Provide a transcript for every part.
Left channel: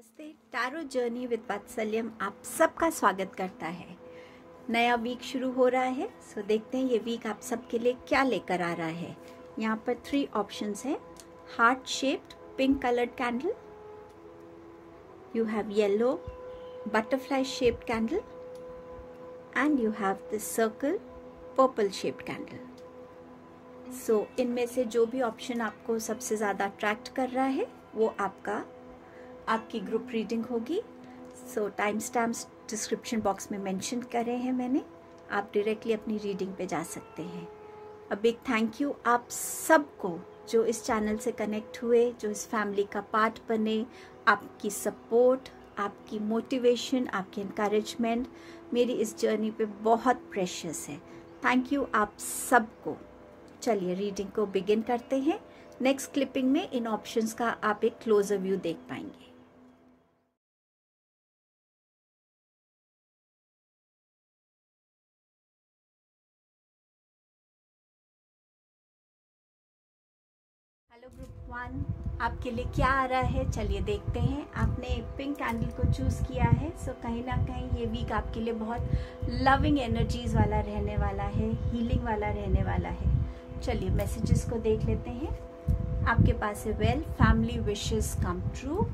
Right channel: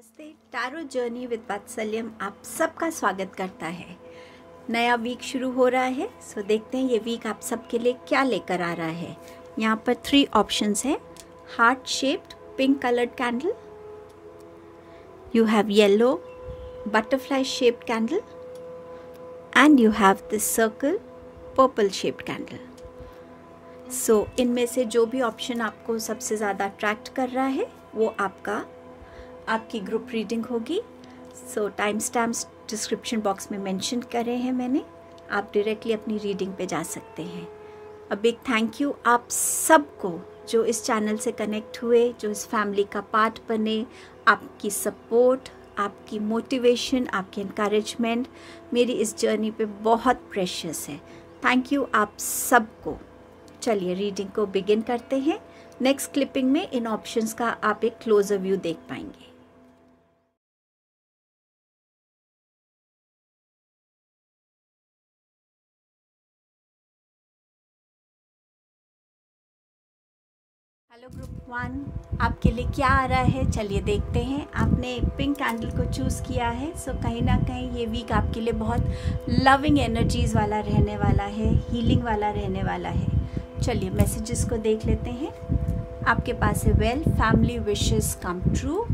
नमस्ते। Tarot journey with वात्सल्यम आप सबका स्वागत करता है। नया वीक शुरू हो रहा है, सो देखते हैं ये वीक आप सबके लिए क्या लेकर आ रहा है। यहाँ पर 3 ऑप्शंस हैं। Heart shaped pink coloured candle, you have yellow butterfly shaped candle and you have this circle purple shaped candle. So इनमें से जो भी ऑप्शन आपको सबसे ज़्यादा अट्रैक्ट कर रहा है वो आपकी ग्रुप रीडिंग होगी। सो टाइम स्टैम्प्स डिस्क्रिप्शन बॉक्स में मेंशन करे हैं मैंने, आप डायरेक्टली अपनी रीडिंग पे जा सकते हैं। अ बिग थैंक यू आप सबको जो इस चैनल से कनेक्ट हुए, जो इस फैमिली का पार्ट बने। आपकी सपोर्ट, आपकी मोटिवेशन, आपकी इनकरेजमेंट मेरी इस जर्नी पे बहुत प्रेशियस है। थैंक यू आप सबको। चलिए रीडिंग को बिगिन करते हैं। नेक्स्ट क्लिपिंग में इन ऑप्शंस का आप एक क्लोजर व्यू देख पाएंगे। हेलो ग्रुप 1, आपके लिए क्या आ रहा है चलिए देखते हैं। आपने पिंक कैंडल को चूज़ किया है, सो कहीं ना कहीं ये वीक आपके लिए बहुत लविंग एनर्जीज वाला रहने वाला है, हीलिंग वाला रहने वाला है। चलिए मैसेजेस को देख लेते हैं। आपके पास है well family wishes come true,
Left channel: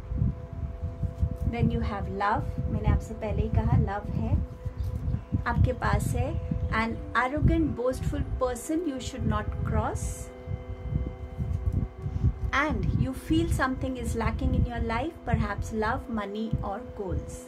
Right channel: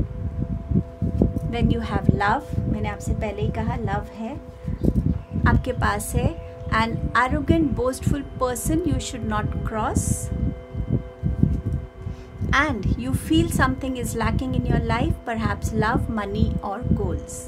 then you have love, मैंने आपसे पहले ही कहा लव है। आपके पास है an arrogant boastful person you should not cross, and you feel something is lacking in your life, perhaps love, money or goals.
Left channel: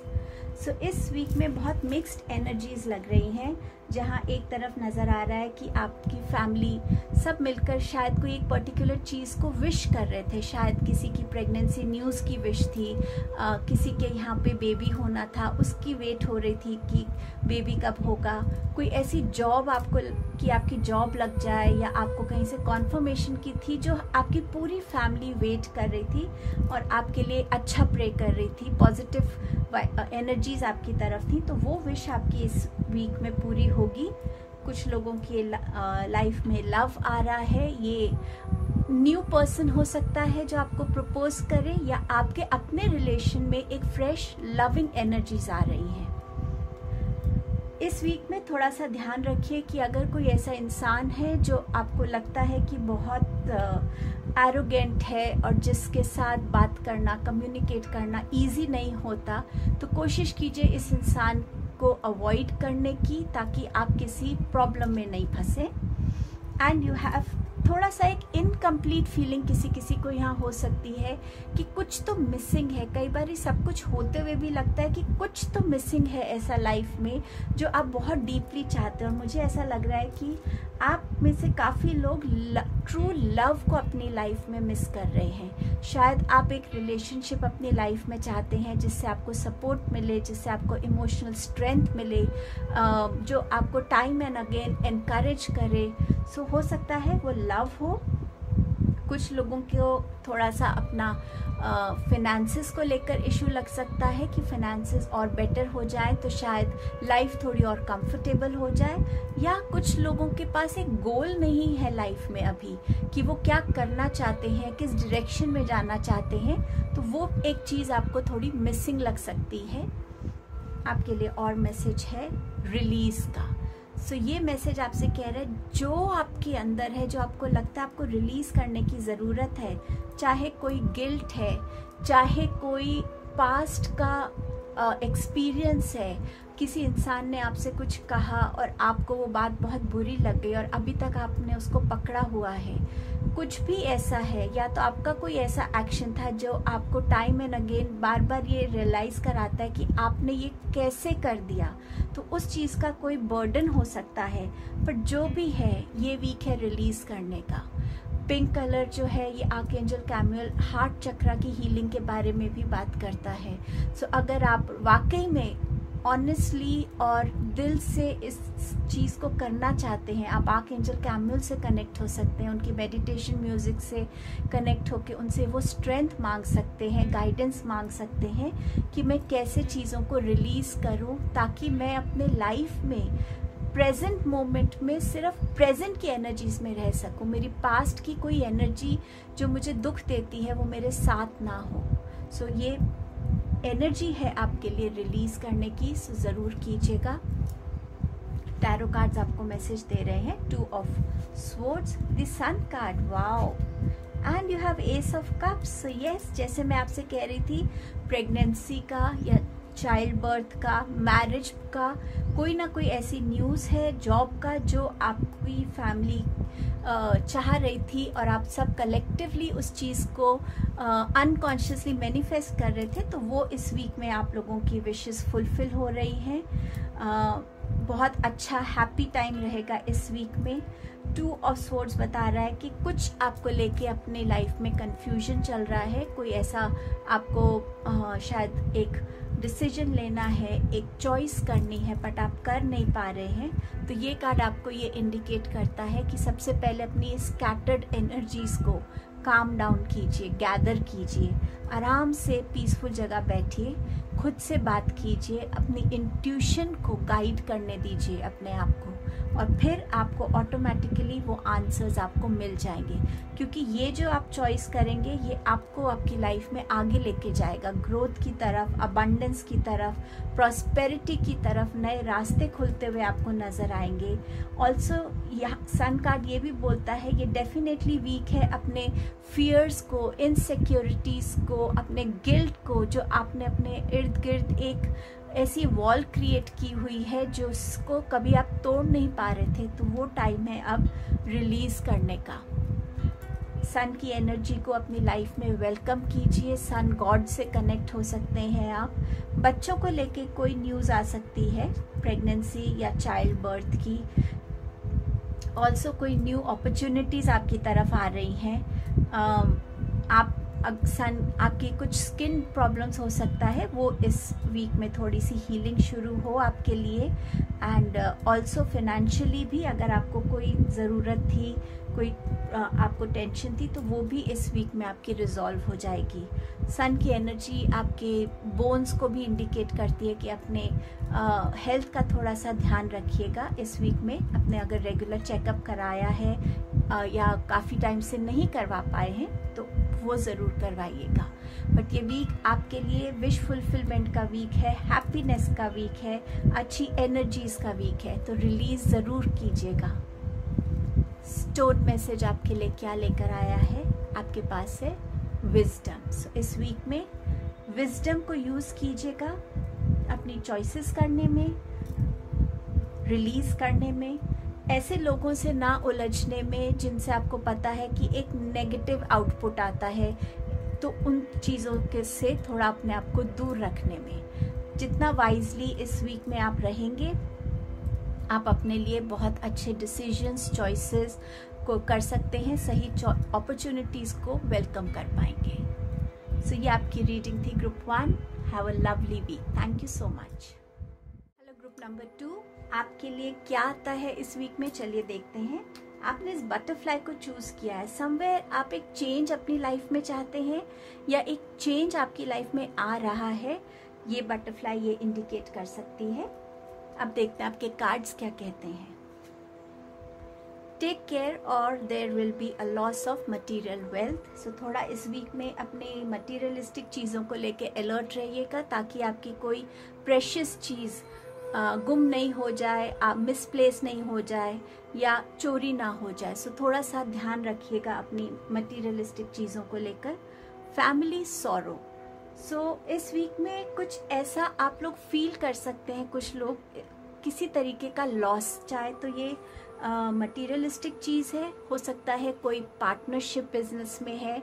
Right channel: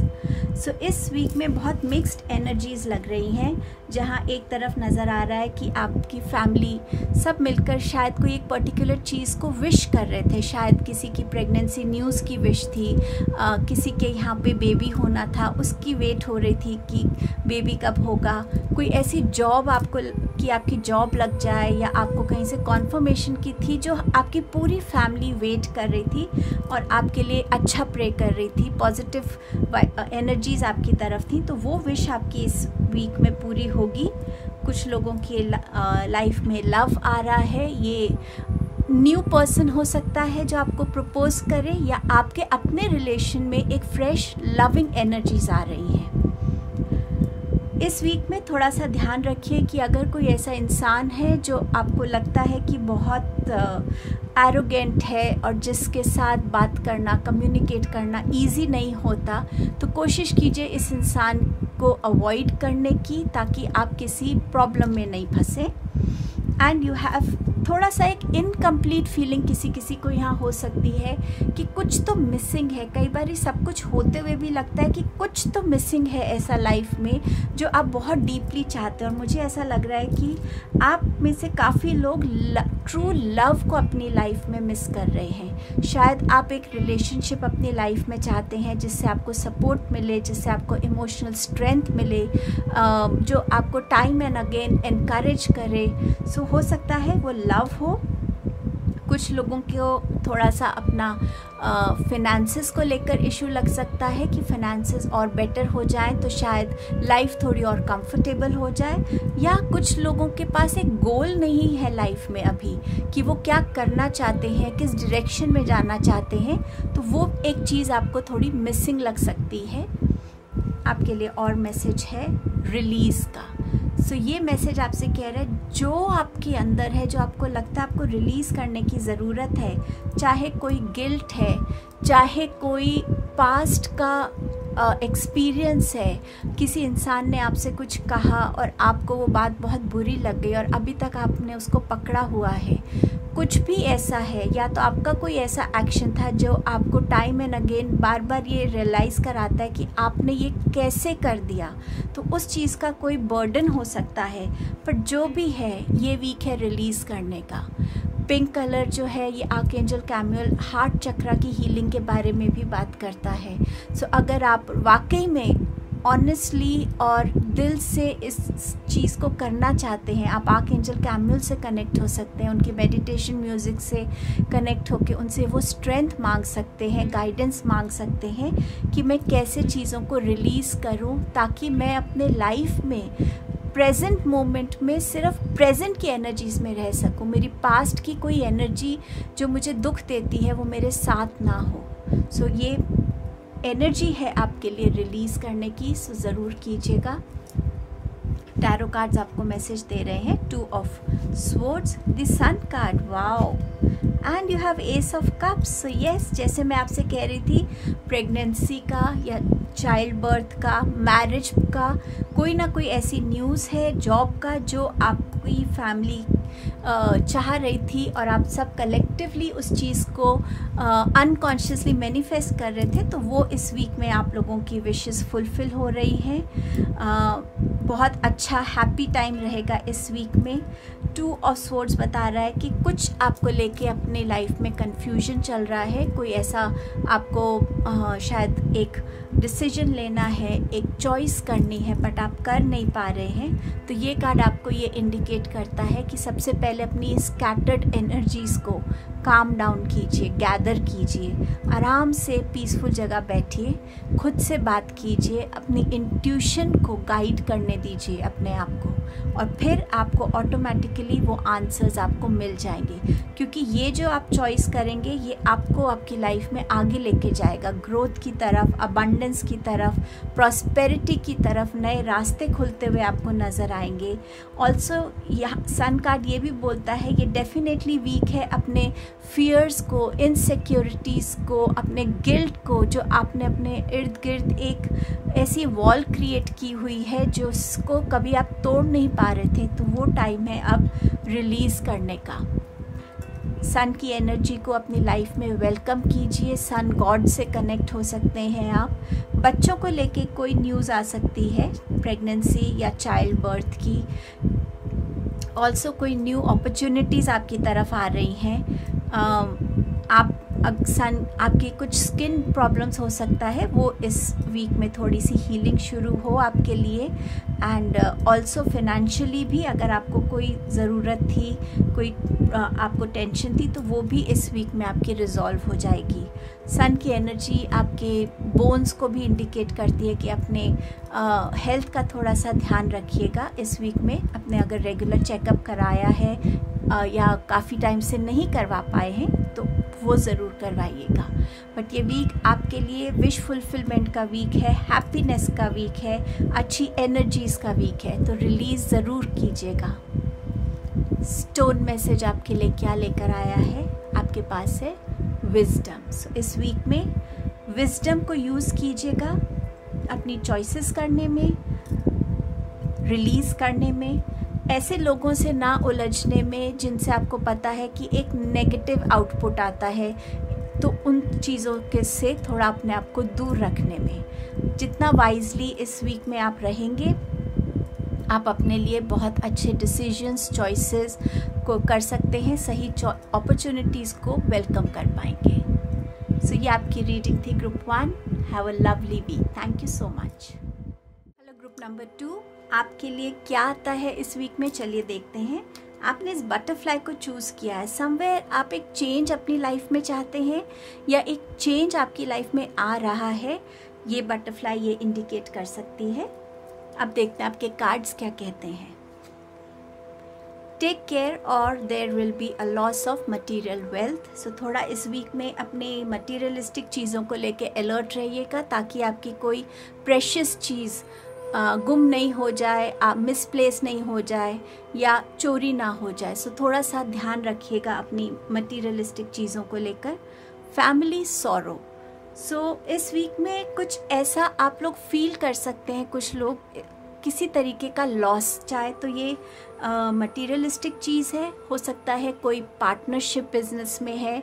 So इस week में बहुत मिक्स्ड एनर्जीज लग रही हैं, जहाँ एक तरफ नज़र आ रहा है कि आपकी फैमिली सब मिलकर शायद कोई एक पर्टिकुलर चीज़ को विश कर रहे थे। शायद किसी की प्रेगनेंसी न्यूज़ की विश थी, किसी के यहाँ पे बेबी होना था, उसकी वेट हो रही थी कि बेबी कब होगा। कोई ऐसी जॉब आपको कि आपकी जॉब लग जाए, या आपको कहीं से कॉन्फर्मेशन की थी जो आपकी पूरी फैमिली वेट कर रही थी और आपके लिए अच्छा प्रे कर रही थी, पॉजिटिव एनर्जीज आपकी तरफ थी। तो वो विश आपकी इस वीक में पूरी होगी। कुछ लोगों की लाइफ में लव आ रहा है, ये न्यू पर्सन हो सकता है जो आपको प्रपोज करे, या आपके अपने रिलेशन में एक फ्रेश लविंग एनर्जीज आ रही है। इस वीक में थोड़ा सा ध्यान रखिए कि अगर कोई ऐसा इंसान है जो आपको लगता है कि बहुत एरोगेंट है और जिसके साथ बात करना, कम्युनिकेट करना इजी नहीं होता, तो कोशिश कीजिए इस इंसान को अवॉइड करने की, ताकि आप किसी प्रॉब्लम में नहीं फंसे। एंड यू हैव थोड़ा सा एक इनकम्प्लीट फीलिंग किसी किसी को यहाँ हो सकती है कि कुछ तो मिसिंग है। कई बार सब कुछ होते हुए भी लगता है कि कुछ तो मिसिंग है ऐसा लाइफ में जो आप बहुत डीपली चाहते हैं। और मुझे ऐसा लग रहा है कि आप में से काफ़ी लोग ट्रू लव को अपनी लाइफ में मिस कर रहे हैं। शायद आप एक रिलेशनशिप अपनी लाइफ में चाहते हैं जिससे आपको सपोर्ट मिले, जिससे आपको इमोशनल स्ट्रेंथ मिले, जो आपको टाइम एंड अगेन एनकरेज करे। सो हो सकता है वो लव हो। कुछ लोगों को थोड़ा सा अपना फिनेंसेस को लेकर इशू लग सकता है कि फिनेंसेस और बेटर हो जाए तो शायद लाइफ थोड़ी और कंफर्टेबल हो जाए। या कुछ लोगों के पास एक गोल नहीं है लाइफ में अभी कि वो क्या करना चाहते हैं, किस डायरेक्शन में जाना चाहते हैं, तो वो एक चीज़ आपको थोड़ी मिसिंग लग सकती है। आपके लिए और मैसेज है रिलीज़ का। सो ये मैसेज आपसे कह रहा है जो आपके अंदर है, जो आपको लगता है आपको रिलीज़ करने की ज़रूरत है, चाहे कोई गिल्ट है, चाहे कोई पास्ट का एक्सपीरियंस है, किसी इंसान ने आपसे कुछ कहा और आपको वो बात बहुत बुरी लग गई और अभी तक आपने उसको पकड़ा हुआ है, कुछ भी ऐसा है, या तो आपका कोई ऐसा एक्शन था जो आपको टाइम एंड अगेन बार बार ये रियलाइज़ कराता है कि आपने ये कैसे कर दिया, तो उस चीज़ का कोई बर्डन हो सकता है। पर जो भी है ये वीक है रिलीज़ करने का। पिंक कलर जो है ये आर्कएंजल कैमियल हार्ट चक्रा की हीलिंग के बारे में भी बात करता है। सो अगर आप वाकई में ऑनेस्टली और दिल से इस चीज़ को करना चाहते हैं, आप आर्कएंजल कैमियल से कनेक्ट हो सकते हैं, उनकी मेडिटेशन म्यूज़िक से कनेक्ट होकर उनसे वो स्ट्रेंथ मांग सकते हैं, गाइडेंस मांग सकते हैं कि मैं कैसे चीज़ों को रिलीज़ करूं ताकि मैं अपने लाइफ में प्रेजेंट मोमेंट में सिर्फ प्रेजेंट की एनर्जीज में रह सकूं। मेरी पास्ट की कोई एनर्जी जो मुझे दुख देती है वो मेरे साथ ना हो। सो ये एनर्जी है आपके लिए रिलीज करने की, सो ज़रूर कीजिएगा। टैरो कार्ड्स आपको मैसेज दे रहे हैं, 2 of swords, the sun card, wow, and you have ace of cups. So yes, जैसे मैं आपसे कह रही थी, प्रेगनेंसी का या चाइल्ड बर्थ का, मैरिज का, कोई ना कोई ऐसी न्यूज़ है, जॉब का, जो आपकी फैमिली चाह रही थी और आप सब कलेक्टिवली उस चीज़ को अनकॉन्शियसली मैनिफेस्ट कर रहे थे, तो वो इस वीक में आप लोगों की विशेस फुलफिल हो रही हैं। बहुत अच्छा हैप्पी टाइम रहेगा इस वीक में। 2 ऑफ स्वॉर्ड्स बता रहा है कि कुछ आपको लेके अपने लाइफ में कंफ्यूजन चल रहा है, कोई ऐसा आपको शायद एक डिसीजन लेना है, एक चॉइस करनी है, बट आप कर नहीं पा रहे हैं। तो ये कार्ड आपको ये इंडिकेट करता है कि सबसे पहले अपनी स्कैटर्ड एनर्जीज़ को काम डाउन कीजिए, गैदर कीजिए, आराम से पीसफुल जगह बैठिए, खुद से बात कीजिए, अपनी इंट्यूशन को गाइड करने दीजिए अपने आप को, और फिर आपको ऑटोमेटिकली वो आंसर्स आपको मिल जाएंगे। क्योंकि ये जो आप चॉइस करेंगे, ये आपको आपकी लाइफ में आगे लेके जाएगा, ग्रोथ की तरफ, अबंडेंस की तरफ, प्रॉस्पेरिटी की तरफ, नए रास्ते खुलते हुए आपको नज़र आएंगे। ऑल्सो यहाँ सन कार्ड ये भी बोलता है, ये डेफिनेटली वीक है अपने फियर्स को, इनसिक्योरिटीज़ को, अपने गिल्ट को, जो आपने अपने इर्द गिर्द एक ऐसी वॉल क्रिएट की हुई है जो उसको कभी आप तोड़ नहीं पा रहे थे, तो वो टाइम है अब रिलीज़ करने का। सन की एनर्जी को अपनी लाइफ में वेलकम कीजिए। सन गॉड से कनेक्ट हो सकते हैं आप। बच्चों को लेके कोई न्यूज़ आ सकती है, प्रेगनेंसी या चाइल्ड बर्थ की। ऑल्सो कोई न्यू अपॉर्चुनिटीज़ आपकी तरफ आ रही हैं। आपकी कुछ स्किन प्रॉब्लम्स हो सकता है, वो इस वीक में थोड़ी सी हीलिंग शुरू हो आपके लिए। एंड ऑल्सो फिनेंशियली भी अगर आपको कोई ज़रूरत थी, कोई आपको टेंशन थी, तो वो भी इस वीक में आपकी रिजॉल्व हो जाएगी। सन की एनर्जी आपके बोन्स को भी इंडिकेट करती है कि अपने हेल्थ का थोड़ा सा ध्यान रखिएगा इस वीक में। अपने अगर रेगुलर चेकअप कराया है या काफ़ी टाइम से नहीं करवा पाए हैं, तो वो ज़रूर करवाइएगा। बट ये वीक आपके लिए विश फुलफिलमेंट का वीक है, हैप्पीनेस का वीक है, अच्छी एनर्जीज़ का वीक है, तो रिलीज़ ज़रूर कीजिएगा। स्टोन मैसेज आपके लिए क्या लेकर आया है? आपके पास है विजडम। सो इस वीक में विजडम को यूज़ कीजिएगा अपनी चॉइसेस करने में, रिलीज़ करने में, ऐसे लोगों से ना उलझने में जिनसे आपको पता है कि एक नेगेटिव आउटपुट आता है, तो उन चीज़ों के से थोड़ा अपने आप को दूर रखने में। जितना वाइजली इस वीक में आप रहेंगे, आप अपने लिए बहुत अच्छे डिसीजंस, चॉइसेस को कर सकते हैं, सही अपॉर्चुनिटीज़ को वेलकम कर पाएंगे। सो ये आपकी रीडिंग थी group 1। Have a lovely week. Thank you so much. Hello group number 2, आपके लिए क्या आता है इस वीक में? चलिए देखते हैं। आपने इस बटरफ्लाई को चूज़ किया है। समवेयर आप एक चेंज अपनी लाइफ में चाहते हैं या एक चेंज आपकी लाइफ में आ रहा है, ये बटरफ्लाई ये इंडिकेट कर सकती है। अब देखते हैं आपके कार्ड्स क्या कहते हैं। टेक केयर और there will be a loss of material wealth. So थोड़ा इस वीक में अपने मटीरियलिस्टिक चीज़ों को लेके अलर्ट रहिएगा, ताकि आपकी कोई प्रेशियस चीज़ गुम नहीं हो जाए, मिसप्लेस नहीं हो जाए या चोरी ना हो जाए। सो थोड़ा सा ध्यान रखिएगा अपनी मटीरियलिस्टिक चीज़ों को लेकर। Family sorrow. सो इस वीक में कुछ ऐसा आप लोग फील कर सकते हैं, कुछ लोग किसी तरीके का लॉस, चाहे तो ये मटीरियलिस्टिक चीज़ है, हो सकता है कोई पार्टनरशिप बिजनेस में है,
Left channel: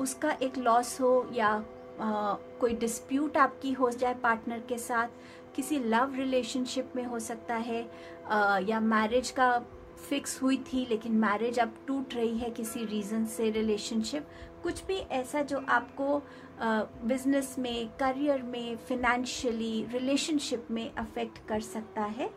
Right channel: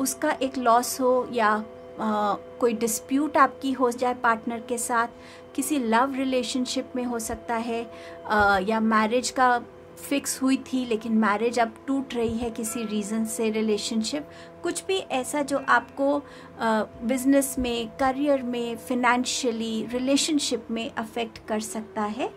उसका एक लॉस हो, या कोई डिस्प्यूट आपकी हो जाए पार्टनर के साथ, किसी लव रिलेशनशिप में हो सकता है, या मैरिज का फिक्स हुई थी लेकिन मैरिज अब टूट रही है किसी रीज़न से, रिलेशनशिप, कुछ भी ऐसा जो आपको बिजनेस में, करियर में, फिनेंशियली, रिलेशनशिप में अफेक्ट कर सकता है।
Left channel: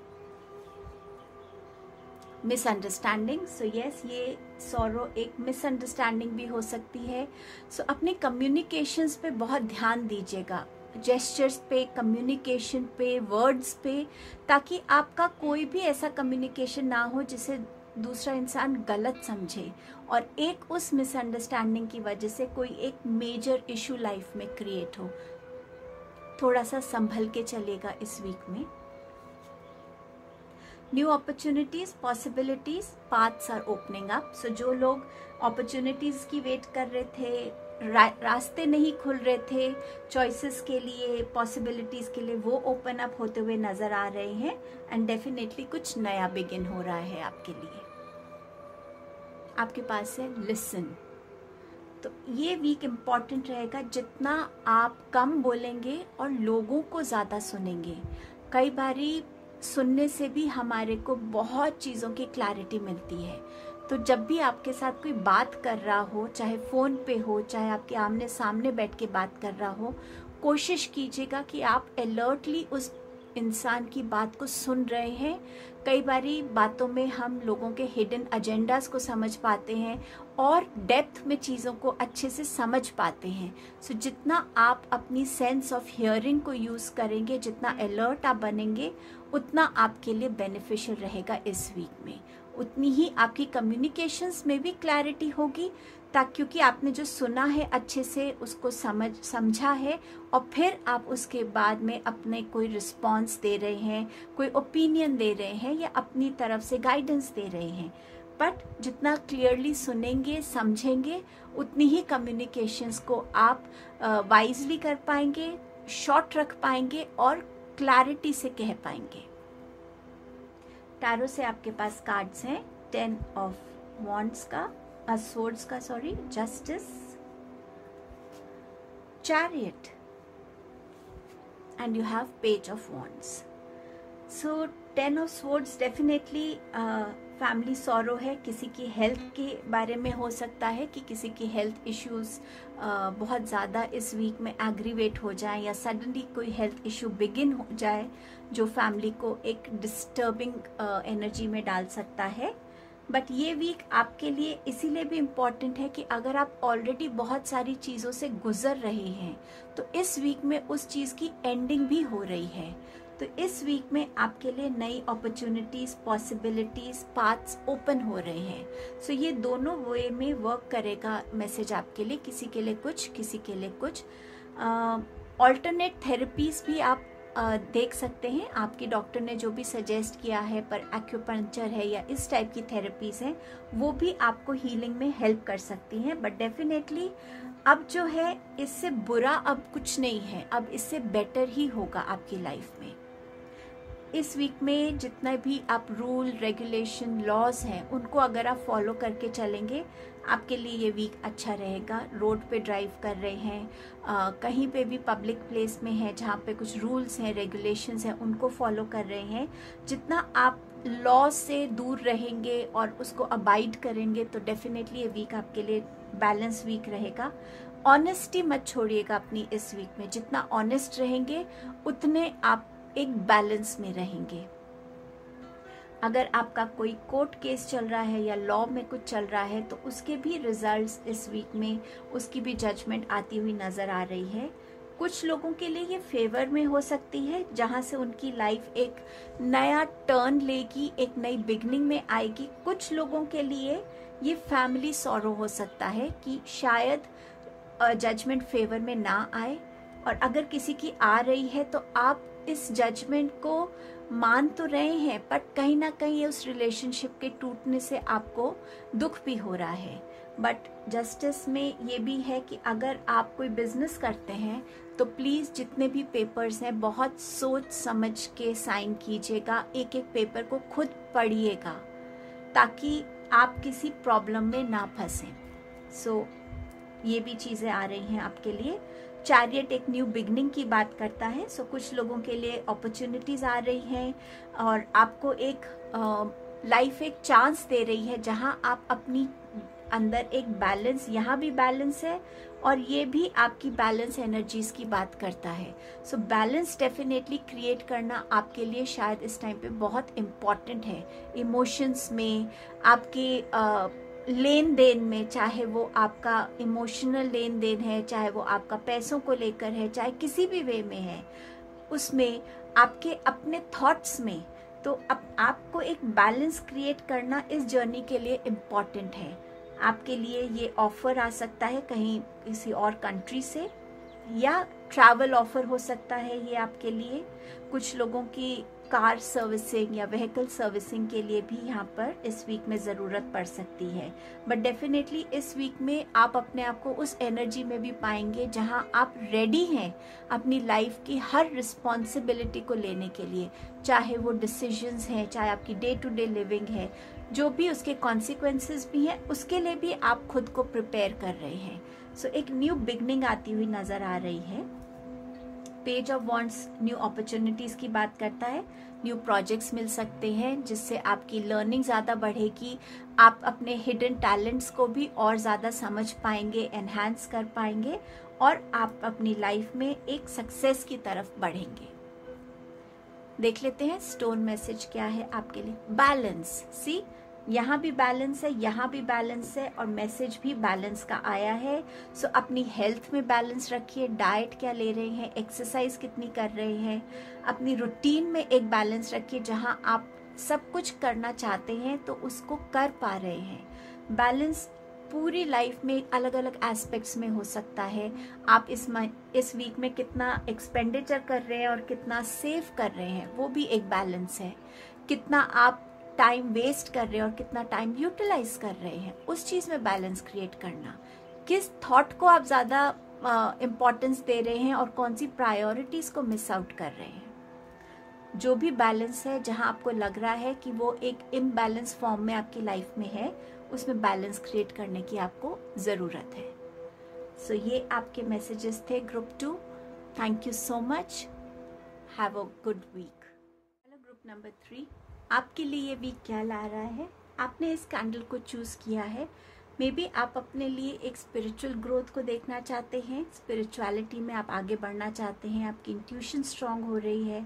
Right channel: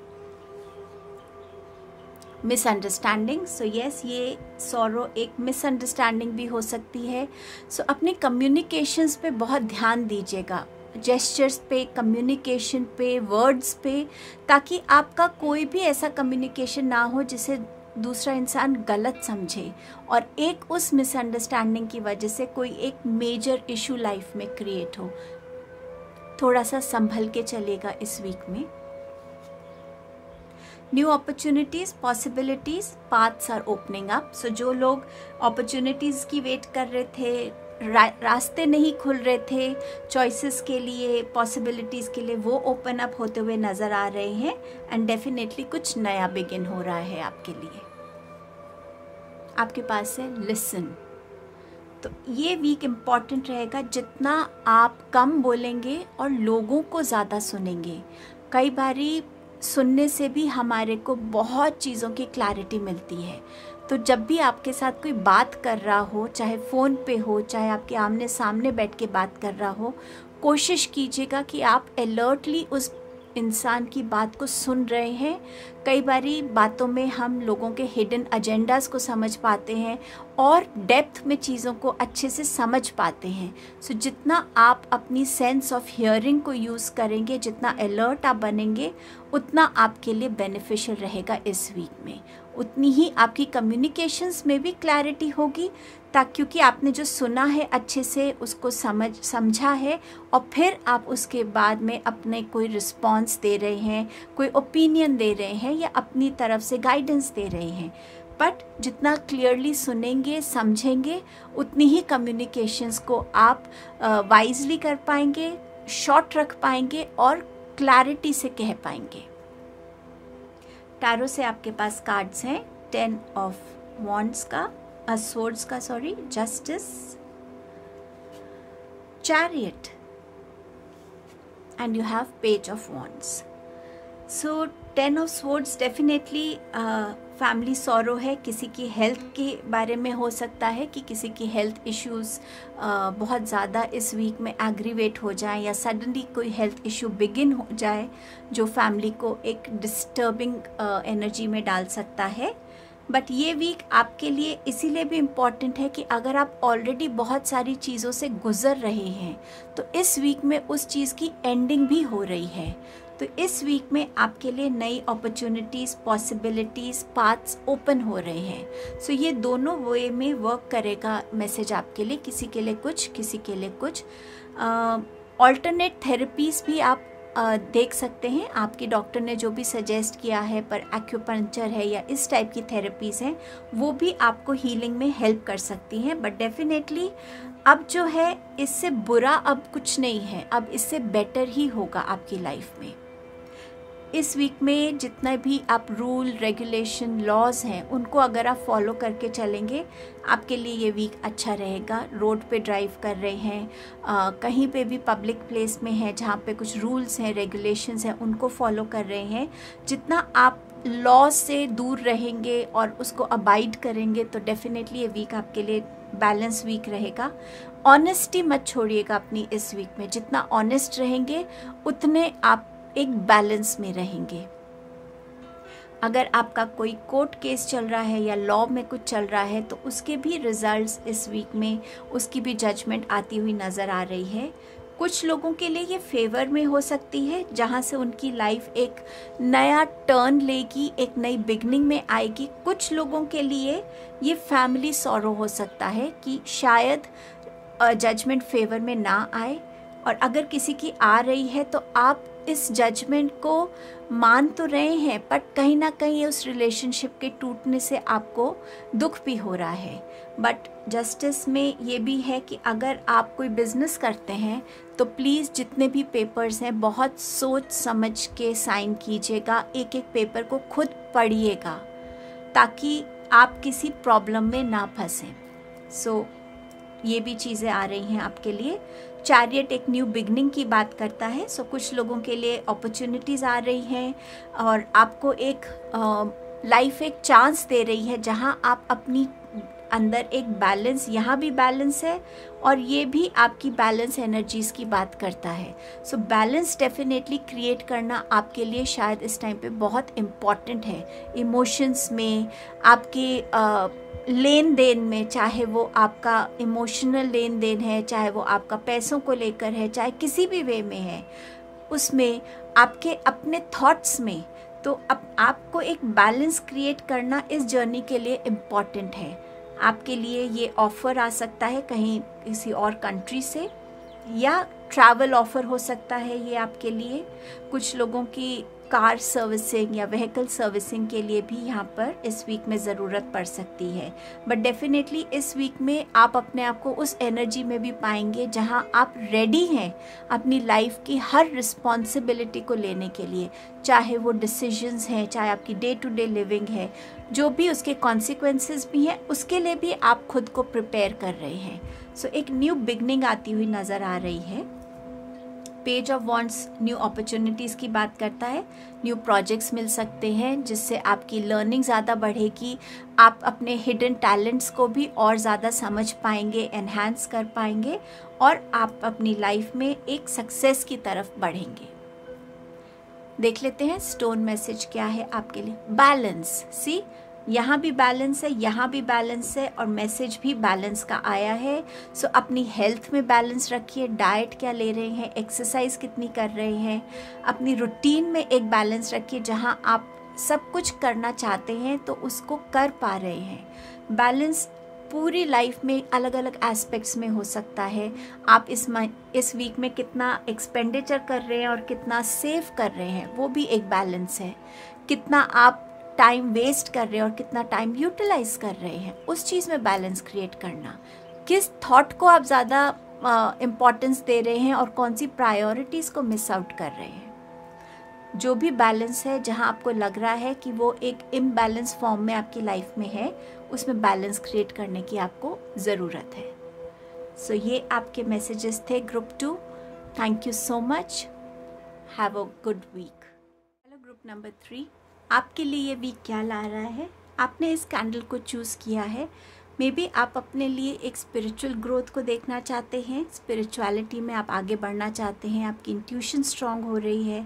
मिसअंडरस्टैंडिंग। सो यस, ये सॉरो एक मिसअंडरस्टैंडिंग भी हो सकती है। सो अपने कम्युनिकेशंस पे बहुत ध्यान दीजिएगा, जेस्चर्स पे, कम्युनिकेशन पे, वर्ड्स पे, ताकि आपका कोई भी ऐसा कम्युनिकेशन ना हो जिसे दूसरा इंसान गलत समझे और एक उस मिसअंडरस्टैंडिंग की वजह से कोई एक मेजर इशू लाइफ में क्रिएट हो। थोड़ा सा संभल के चलेगा इस वीक में। New opportunities, possibilities, paths are opening up. So जो लोग अपॉर्चुनिटीज की वेट कर रहे थे, रास्ते नहीं खुल रहे थे चॉइसेस के लिए, पॉसिबिलिटीज के लिए, वो ओपन अप होते हुए नजर आ रहे हैं। एंड डेफिनेटली कुछ नया बिगिन हो रहा है आपके लिए। आपके पास है लिसन। तो ये वीक इम्पॉर्टेंट रहेगा। जितना आप कम बोलेंगे और लोगों को ज़्यादा सुनेंगे, कई बारी सुनने से भी हमारे को बहुत चीज़ों की क्लैरिटी मिलती है। तो जब भी आपके साथ कोई बात कर रहा हो, चाहे फ़ोन पे हो, चाहे आपके आमने सामने बैठ के बात कर रहा हो, कोशिश कीजिएगा कि आप अलर्टली उस इंसान की बात को सुन रहे हैं। कई बारी बातों में हम लोगों के हिडन एजेंडाज को समझ पाते हैं और डेप्थ में चीज़ों को अच्छे से समझ पाते हैं। सो जितना आप अपनी सेंस ऑफ हियरिंग को यूज़ करेंगे, जितना अलर्ट आप बनेंगे, उतना आपके लिए बेनिफिशियल रहेगा इस वीक में। उतनी ही आपकी कम्युनिकेशंस में भी क्लैरिटी होगी, ताकि क्योंकि आपने जो सुना है अच्छे से उसको समझा है और फिर आप उसके बाद में अपने कोई रिस्पॉन्स दे रहे हैं, कोई ओपिनियन दे रहे हैं या अपनी तरफ से गाइडेंस दे रहे हैं। बट जितना क्लियरली सुनेंगे, समझेंगे, उतनी ही कम्युनिकेशंस को आप वाइजली कर पाएंगे, शॉर्ट रख पाएंगे और क्लैरिटी से कह पाएंगे। टैरो से आपके पास कार्ड्स हैं 10 ऑफ वॉन्ड्स का, swords का, sorry, justice, chariot and you have page of wands. So 10 of swords definitely family sorrow है। किसी की हेल्थ के बारे में हो सकता है कि किसी की हेल्थ इश्यूज बहुत ज़्यादा इस वीक में एग्रीवेट हो जाए या सडनली कोई हेल्थ इशू बिगिन हो जाए जो फैमिली को एक डिस्टर्बिंग एनर्जी में डाल सकता है। बट ये वीक आपके लिए इसीलिए भी इम्पॉर्टेंट है कि अगर आप ऑलरेडी बहुत सारी चीज़ों से गुजर रहे हैं तो इस वीक में उस चीज़ की एंडिंग भी हो रही है। तो इस वीक में आपके लिए नई अपॉर्चुनिटीज़, पॉसिबिलिटीज़, पाथ्स ओपन हो रहे हैं। सो ये दोनों वे में वर्क करेगा मैसेज आपके लिए, किसी के लिए कुछ, किसी के लिए कुछ। ऑल्टरनेट थेरेपीज़ भी आप देख सकते हैं। आपके डॉक्टर ने जो भी सजेस्ट किया है, पर एक्यूपंक्चर है या इस टाइप की थेरेपीज़ हैं, वो भी आपको हीलिंग में हेल्प कर सकती हैं। बट डेफिनेटली अब जो है इससे बुरा अब कुछ नहीं है, अब इससे बेटर ही होगा आपकी लाइफ में। इस वीक में जितना भी आप रूल, रेगुलेशन, लॉज हैं, उनको अगर आप फॉलो करके चलेंगे, आपके लिए ये वीक अच्छा रहेगा। रोड पे ड्राइव कर रहे हैं, कहीं पे भी पब्लिक प्लेस में है जहाँ पे कुछ रूल्स हैं, रेगुलेशंस हैं, उनको फॉलो कर रहे हैं, जितना आप लॉ से दूर रहेंगे और उसको अबाइड करेंगे तो डेफिनेटली ये वीक आपके लिए बैलेंस वीक रहेगा। ऑनेस्टी मत छोड़िएगा अपनी इस वीक में। जितना ऑनेस्ट रहेंगे उतने आप एक बैलेंस में रहेंगे। अगर आपका कोई कोर्ट केस चल रहा है या लॉ में कुछ चल रहा है तो उसके भी रिजल्ट्स इस वीक में, उसकी भी जजमेंट आती हुई नज़र आ रही है। कुछ लोगों के लिए ये फेवर में हो सकती है, जहाँ से उनकी लाइफ एक नया टर्न लेगी, एक नई बिगनिंग में आएगी। कुछ लोगों के लिए ये फैमिली सॉरो हो सकता है कि शायद जजमेंट फेवर में ना आए, और अगर किसी की आ रही है तो आप इस जजमेंट को मान तो रहे हैं, बट कहीं ना कहीं उस रिलेशनशिप के टूटने से आपको दुख भी हो रहा है। बट जस्टिस में ये भी है कि अगर आप कोई बिजनेस करते हैं तो प्लीज़ जितने भी पेपर्स हैं बहुत सोच समझ के साइन कीजिएगा। एक एक पेपर को खुद पढ़िएगा ताकि आप किसी प्रॉब्लम में ना फंसें। सो ये भी चीज़ें आ रही हैं आपके लिए। चैरियट एक न्यू बिगनिंग की बात करता है। सो कुछ लोगों के लिए अपॉर्चुनिटीज़ आ रही हैं और आपको एक लाइफ एक चांस दे रही है जहां आप अपनी अंदर एक बैलेंस, यहाँ भी बैलेंस है और ये भी आपकी बैलेंस एनर्जीज़ की बात करता है। सो बैलेंस डेफिनेटली क्रिएट करना आपके लिए शायद इस टाइम पे बहुत इम्पॉर्टेंट है। इमोशंस में, आपके लेन देन में, चाहे वो आपका इमोशनल लेन देन है, चाहे वो आपका पैसों को लेकर है, चाहे किसी भी वे में है, उसमें आपके अपने थॉट्स में, तो आपको एक बैलेंस क्रिएट करना इस जर्नी के लिए इम्पॉर्टेंट है। आपके लिए ये ऑफ़र आ सकता है कहीं किसी और कंट्री से, या ट्रैवल ऑफर हो सकता है ये आपके लिए। कुछ लोगों की कार सर्विसिंग या व्हीकल सर्विसिंग के लिए भी यहाँ पर इस वीक में ज़रूरत पड़ सकती है। बट डेफिनेटली इस वीक में आप अपने आप को उस एनर्जी में भी पाएंगे जहाँ आप रेडी हैं अपनी लाइफ की हर रिस्पॉन्सिबिलिटी को लेने के लिए, चाहे वो डिसीजंस हैं, चाहे आपकी डे टू डे लिविंग है, जो भी उसके कॉन्सिक्वेंसेस भी हैं, उसके लिए भी आप खुद को प्रिपेयर कर रहे हैं। सो एक न्यू बिगनिंग आती हुई नज़र आ रही है। Page of wands new opportunities की बात करता है। न्यू प्रोजेक्ट्स मिल सकते हैं जिससे आपकी लर्निंग ज़्यादा बढ़ेगी, आप अपने हिडन टैलेंट्स को भी और ज़्यादा समझ पाएंगे, एनहांस कर पाएंगे और आप अपनी लाइफ में एक सक्सेस की तरफ बढ़ेंगे। देख लेते हैं स्टोन मैसेज क्या है आपके लिए। बैलेंस, सी यहाँ भी बैलेंस है, यहाँ भी बैलेंस है और मैसेज भी बैलेंस का आया है। सो अपनी हेल्थ में बैलेंस रखिए, डाइट क्या ले रहे हैं, एक्सरसाइज कितनी कर रहे हैं, अपनी रूटीन में एक बैलेंस रखिए। जहाँ आप सब कुछ करना चाहते हैं तो उसको कर पा रहे हैं। बैलेंस पूरी लाइफ में अलग अलग एस्पेक्ट्स में हो सकता है। आप इस वीक में कितना एक्सपेंडिचर कर रहे हैं और कितना सेव कर रहे हैं, वो भी एक बैलेंस है। कितना आप टाइम वेस्ट कर रहे हैं और कितना टाइम यूटिलाइज कर रहे हैं, उस चीज़ में बैलेंस क्रिएट करना। किस थॉट को आप ज़्यादा इम्पोर्टेंस दे रहे हैं और कौन सी प्रायोरिटीज़ को मिस आउट कर रहे हैं। जो भी बैलेंस है, जहां आपको लग रहा है कि वो एक इम्बैलेंस फॉर्म में आपकी लाइफ में है, उसमें बैलेंस क्रिएट करने की आपको ज़रूरत है। सो ये आपके मैसेजेस थे group 2। Thank you so much, have a good week. Hello group number 3, आपके लिए ये वीक क्या ला रहा है। आपने इस कैंडल को चूज़ किया है। मे बी आप अपने लिए एक स्पिरिचुअल ग्रोथ को देखना चाहते हैं, स्पिरिचुअलिटी में आप आगे बढ़ना चाहते हैं, आपकी इंट्यूशन स्ट्रांग हो रही है।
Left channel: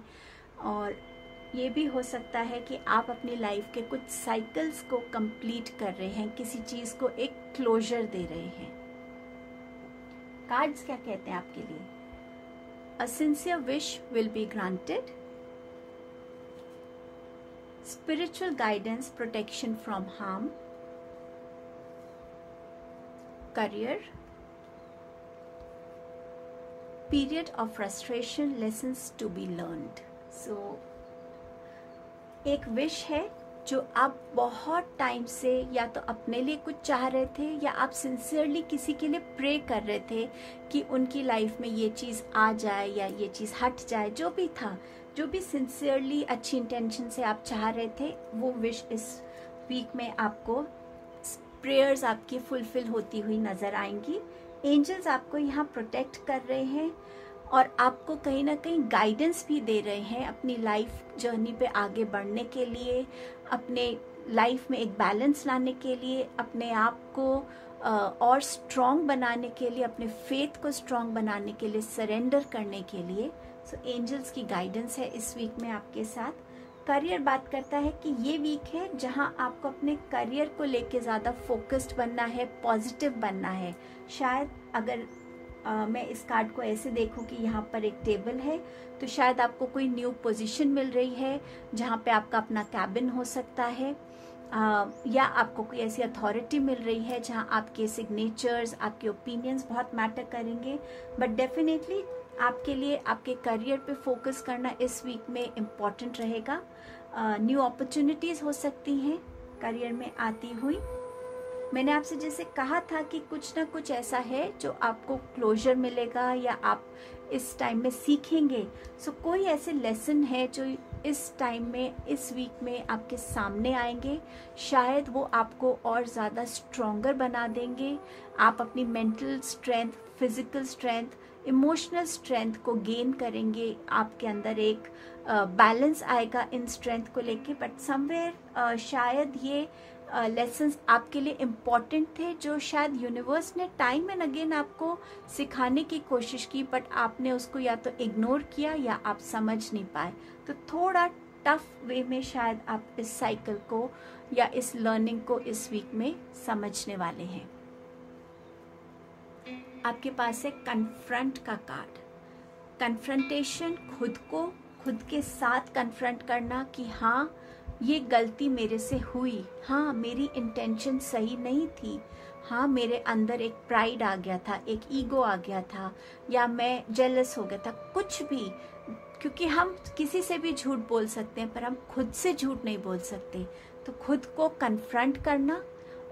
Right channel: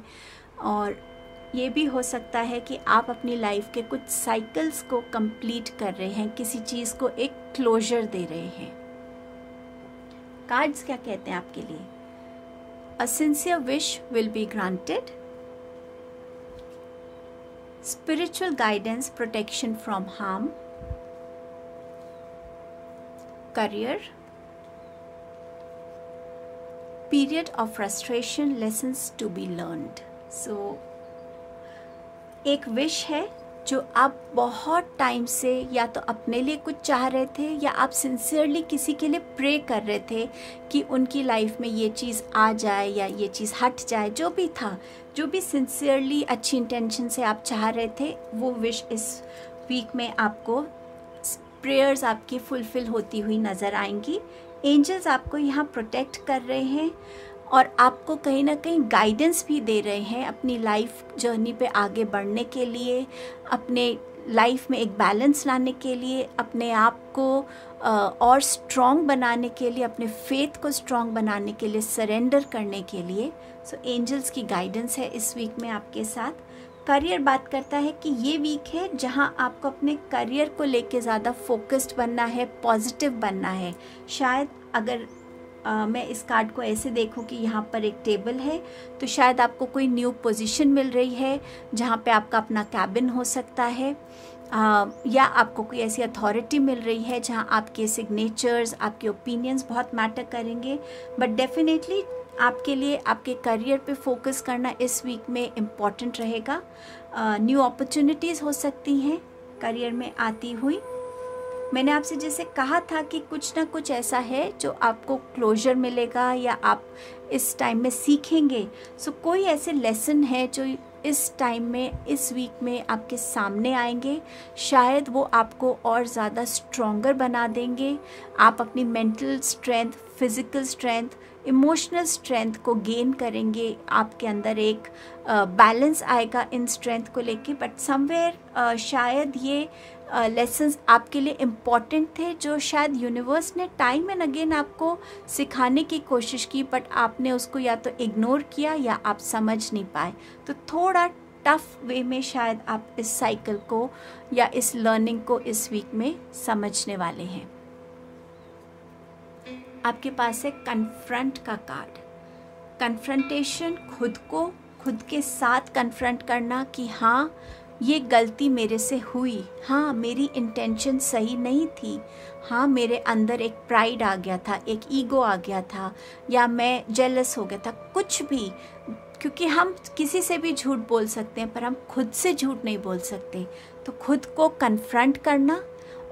और ये भी हो सकता है कि आप अपनी लाइफ के कुछ साइकिल्स को कंप्लीट कर रहे हैं, किसी चीज़ को एक क्लोजर दे रहे हैं। कार्ड्स क्या कहते हैं आपके लिए। अ sincere wish will be granted, spiritual guidance, protection from harm, career, period of frustration, lessons to be learned. So एक विश है जो आप बहुत टाइम से या तो अपने लिए कुछ चाह रहे थे या आप सिंसियरली किसी के लिए प्रे कर रहे थे कि उनकी लाइफ में ये चीज़ आ जाए या ये चीज़ हट जाए। जो भी था, जो भी सिंसियरली अच्छी इंटेंशन से आप चाह रहे थे, वो विश इस वीक में आपको प्रेयर्स आपकी फुलफिल होती हुई नज़र आएंगी। एंजल्स आपको यहाँ प्रोटेक्ट कर रहे हैं और आपको कहीं ना कहीं गाइडेंस भी दे रहे हैं अपनी लाइफ जर्नी पे आगे बढ़ने के लिए, अपने लाइफ में एक बैलेंस लाने के लिए, अपने आप को और स्ट्रॉन्ग बनाने के लिए, अपने फेथ को स्ट्रॉन्ग बनाने के लिए, सरेंडर करने के लिए। सो एंजल्स की गाइडेंस है इस वीक में आपके साथ। करियर बात करता है कि ये वीक है जहां आपको अपने करियर को लेके ज़्यादा फोकस्ड बनना है, पॉजिटिव बनना है। शायद अगर मैं इस कार्ड को ऐसे देखूं कि यहाँ पर एक टेबल है, तो शायद आपको कोई न्यू पोजीशन मिल रही है जहाँ पे आपका अपना कैबिन हो सकता है, या आपको कोई ऐसी अथॉरिटी मिल रही है जहाँ आपके सिग्नेचर्स, आपके ओपिनियंस बहुत मैटर करेंगे। बट डेफिनेटली आपके लिए आपके करियर पे फोकस करना इस वीक में इम्पॉर्टेंट रहेगा। न्यू अपॉर्चुनिटीज़ हो सकती हैं करियर में आती हुई। मैंने आपसे जैसे कहा था कि कुछ ना कुछ ऐसा है जो आपको क्लोजर मिलेगा या आप इस टाइम में सीखेंगे। सो कोई ऐसे लेसन है जो इस टाइम में, इस वीक में आपके सामने आएंगे। शायद वो आपको और ज़्यादा स्ट्रॉन्गर बना देंगे। आप अपनी mental strength, physical strength, emotional strength को गेन करेंगे। आपके अंदर एक बैलेंस आएगा इन स्ट्रेंथ को लेके। बट समवेयर शायद ये लेसन्स आपके लिए इम्पॉर्टेंट थे जो शायद यूनिवर्स ने टाइम एंड अगेन आपको सिखाने की कोशिश की, बट आपने उसको या तो इग्नोर किया या आप समझ नहीं पाए। तो थोड़ा टफ वे में शायद आप इस साइकिल को या इस लर्निंग को इस वीक में समझने वाले हैं। आपके पास है कन्फ्रंट का कार्ड। कन्फ्रंटेशन, खुद को खुद के साथ कन्फ्रंट करना कि हाँ ये गलती मेरे से हुई, हाँ मेरी इंटेंशन सही नहीं थी, हाँ मेरे अंदर एक प्राइड आ गया था, एक ईगो आ गया था, या मैं जेलस हो गया था, कुछ भी। क्योंकि हम किसी से भी झूठ बोल सकते हैं पर हम खुद से झूठ नहीं बोल सकते। तो खुद को कन्फ्रंट करना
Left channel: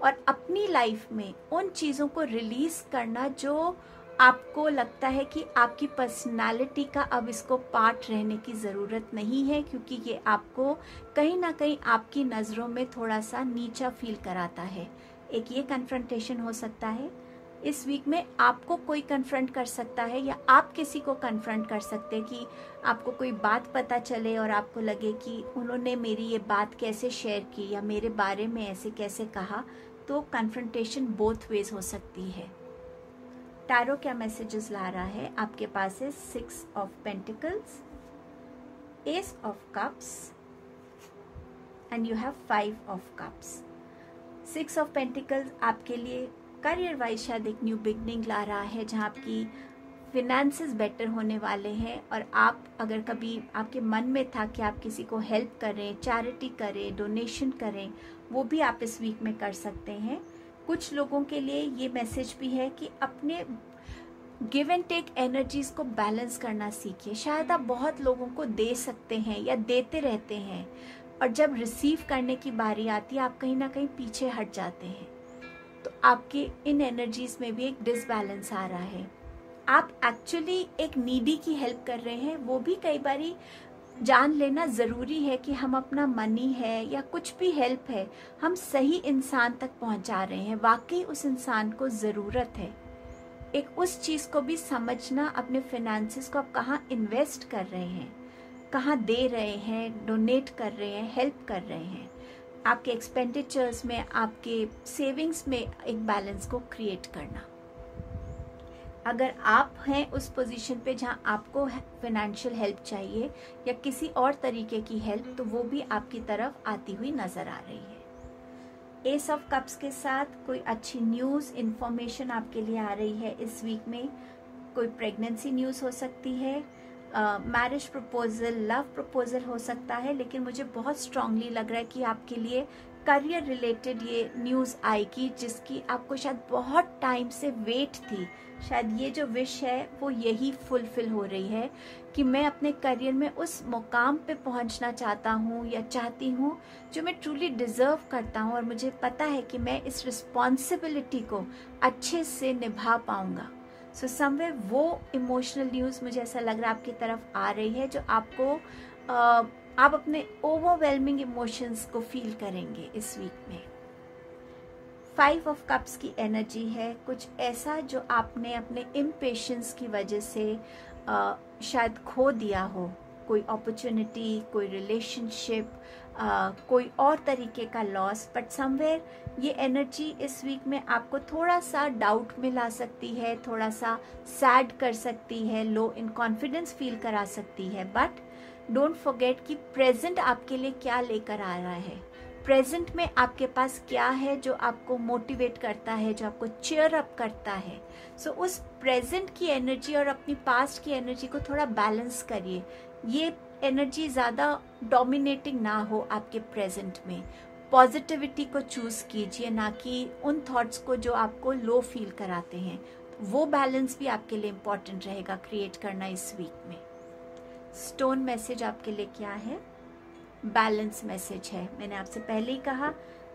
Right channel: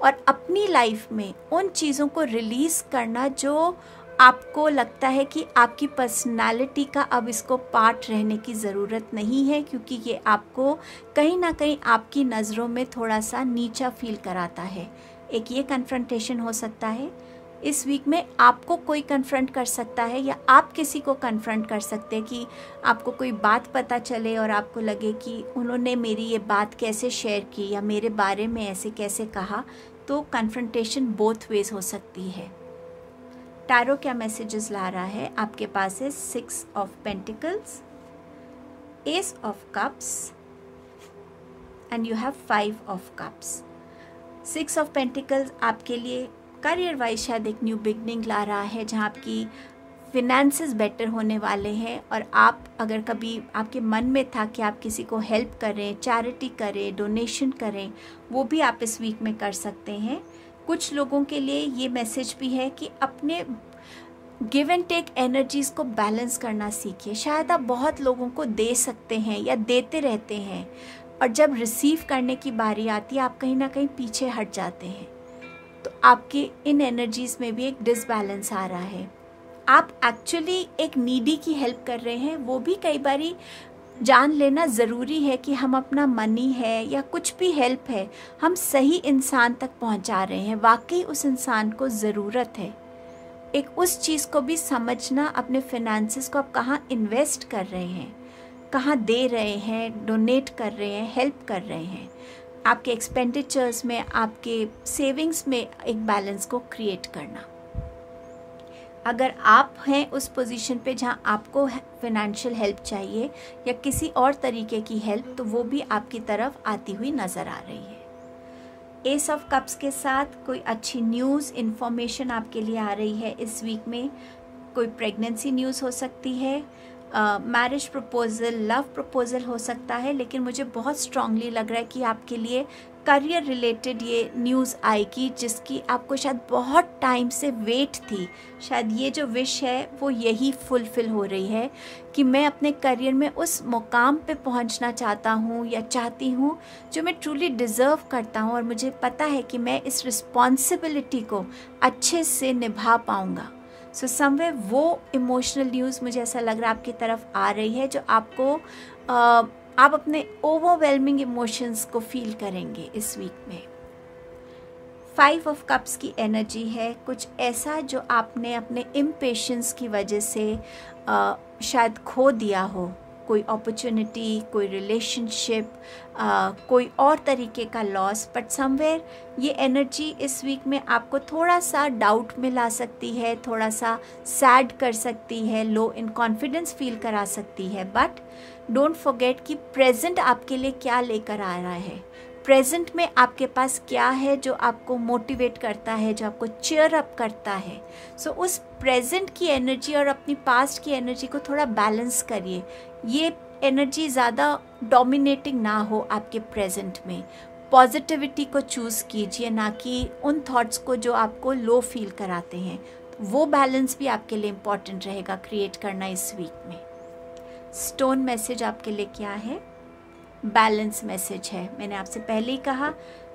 और अपनी लाइफ में उन चीज़ों को रिलीज़ करना जो आपको लगता है कि आपकी पर्सनालिटी का अब इसको पार्ट रहने की ज़रूरत नहीं है, क्योंकि ये आपको कहीं ना कहीं आपकी नज़रों में थोड़ा सा नीचा फील कराता है। एक ये कन्फ्रंटेशन हो सकता है। इस वीक में आपको कोई कन्फ्रंट कर सकता है या आप किसी को कन्फ्रंट कर सकते हैं कि आपको कोई बात पता चले और आपको लगे कि उन्होंने मेरी ये बात कैसे शेयर की या मेरे बारे में ऐसे कैसे कहा। तो कन्फ्रंटेशन बोथ वेज हो सकती है। टैरो क्या मैसेजेस ला रहा है आपके पास है 6 of pentacles, S of cups and you have 5 of cups. 6 of pentacles आपके लिए करियर वाइज शायद एक न्यू बिगनिंग ला रहा है, जहाँ आपकी फिनेंसेस बेटर होने वाले हैं। और आप अगर कभी आपके मन में था कि आप किसी को हेल्प करें, चैरिटी करें, डोनेशन करें, वो भी आप इस वीक में कर सकते हैं। कुछ लोगों के लिए ये मैसेज भी है कि अपने गिव एंड टेक एनर्जीज़ को बैलेंस करना सीखिए। शायद आप बहुत लोगों को दे सकते हैं या देते रहते हैं, और जब रिसीव करने की बारी आती है आप कहीं ना कहीं पीछे हट जाते हैं। तो आपके इन एनर्जीज़ में भी एक डिसबैलेंस आ रहा है। आप एक्चुअली एक नीडी की हेल्प कर रहे हैं। वो भी कई बारी जान लेना ज़रूरी है कि हम अपना मनी है या कुछ भी हेल्प है, हम सही इंसान तक पहुंचा रहे हैं, वाकई उस इंसान को ज़रूरत है। एक उस चीज़ को भी समझना, अपने फिनेंसेस को आप कहाँ इन्वेस्ट कर रहे हैं, कहाँ दे रहे हैं, डोनेट कर रहे हैं, हेल्प कर रहे हैं। आपके एक्सपेंडिचर्स में, आपके सेविंग्स में एक बैलेंस को क्रिएट करना। अगर आप हैं उस पोजीशन पे जहां आपको फाइनेंशियल हेल्प चाहिए या किसी और तरीके की हेल्प, तो वो भी आपकी तरफ आती हुई नज़र आ रही है। एस ऑफ कप्स के साथ कोई अच्छी न्यूज़, इन्फॉर्मेशन आपके लिए आ रही है इस वीक में। कोई प्रेगनेंसी न्यूज़ हो सकती है, मैरिज प्रपोजल, लव प्रपोजल हो सकता है। लेकिन मुझे बहुत स्ट्रांगली लग रहा है कि आपके लिए करियर रिलेटेड ये न्यूज़ आएगी, जिसकी आपको शायद बहुत टाइम से वेट थी। शायद ये जो विश है वो यही फुलफिल हो रही है कि मैं अपने करियर में उस मुकाम पे पहुंचना चाहता हूँ या चाहती हूँ जो मैं ट्रूली डिज़र्व करता हूँ, और मुझे पता है कि मैं इस रिस्पॉन्सिबिलिटी को अच्छे से निभा पाऊँगा। सो समवेयर वो इमोशनल न्यूज़ मुझे ऐसा लग रहा है आपकी तरफ आ रही है, जो आपको आप अपने ओवरवेलमिंग इमोशंस को फील करेंगे इस वीक में। 5 ऑफ कप्स की एनर्जी है कुछ ऐसा जो आपने अपने इम्पेशेंस की वजह से शायद खो दिया हो। कोई अपॉर्चुनिटी, कोई रिलेशनशिप, कोई और तरीके का लॉस। बट समवेयर ये एनर्जी इस वीक में आपको थोड़ा सा डाउट में ला सकती है, थोड़ा सा सैड कर सकती है, लो इन कॉन्फिडेंस फील करा सकती है। बट डोंट फॉरगेट कि प्रेजेंट आपके लिए क्या लेकर आ रहा है। प्रेजेंट में आपके पास क्या है जो आपको मोटिवेट करता है, जो आपको चीयर अप करता है। सो उस प्रेजेंट की एनर्जी और अपनी पास्ट की एनर्जी को थोड़ा बैलेंस करिए। ये एनर्जी ज़्यादा डोमिनेटिंग ना हो आपके प्रेजेंट में। पॉजिटिविटी को चूज़ कीजिए, ना कि उन थॉट्स को जो आपको लो फील कराते हैं। वो बैलेंस भी आपके लिए इम्पॉर्टेंट रहेगा क्रिएट करना इस वीक में। स्टोन मैसेज आपके लिए क्या है? बैलेंस मैसेज है। मैंने आपसे पहले ही कहा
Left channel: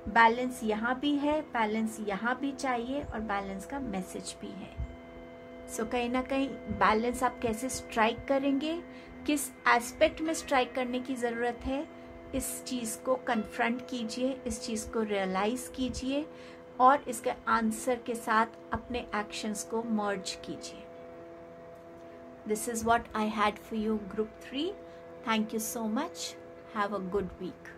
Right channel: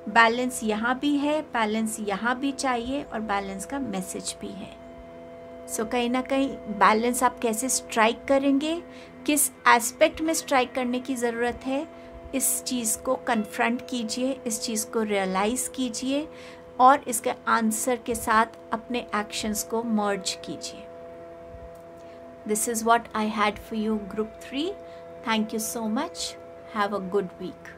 बैलेंस यहाँ भी है, बैलेंस यहाँ भी चाहिए, और बैलेंस का मैसेज भी है। सो कहीं ना कहीं बैलेंस आप कैसे स्ट्राइक करेंगे, किस एस्पेक्ट में स्ट्राइक करने की ज़रूरत है, इस चीज़ को कन्फ्रंट कीजिए, इस चीज़ को रियलाइज़ कीजिए, और इसके आंसर के साथ अपने एक्शंस को मर्ज कीजिए। This is what I had for you, Group 3. Thank you so much. Have a good week.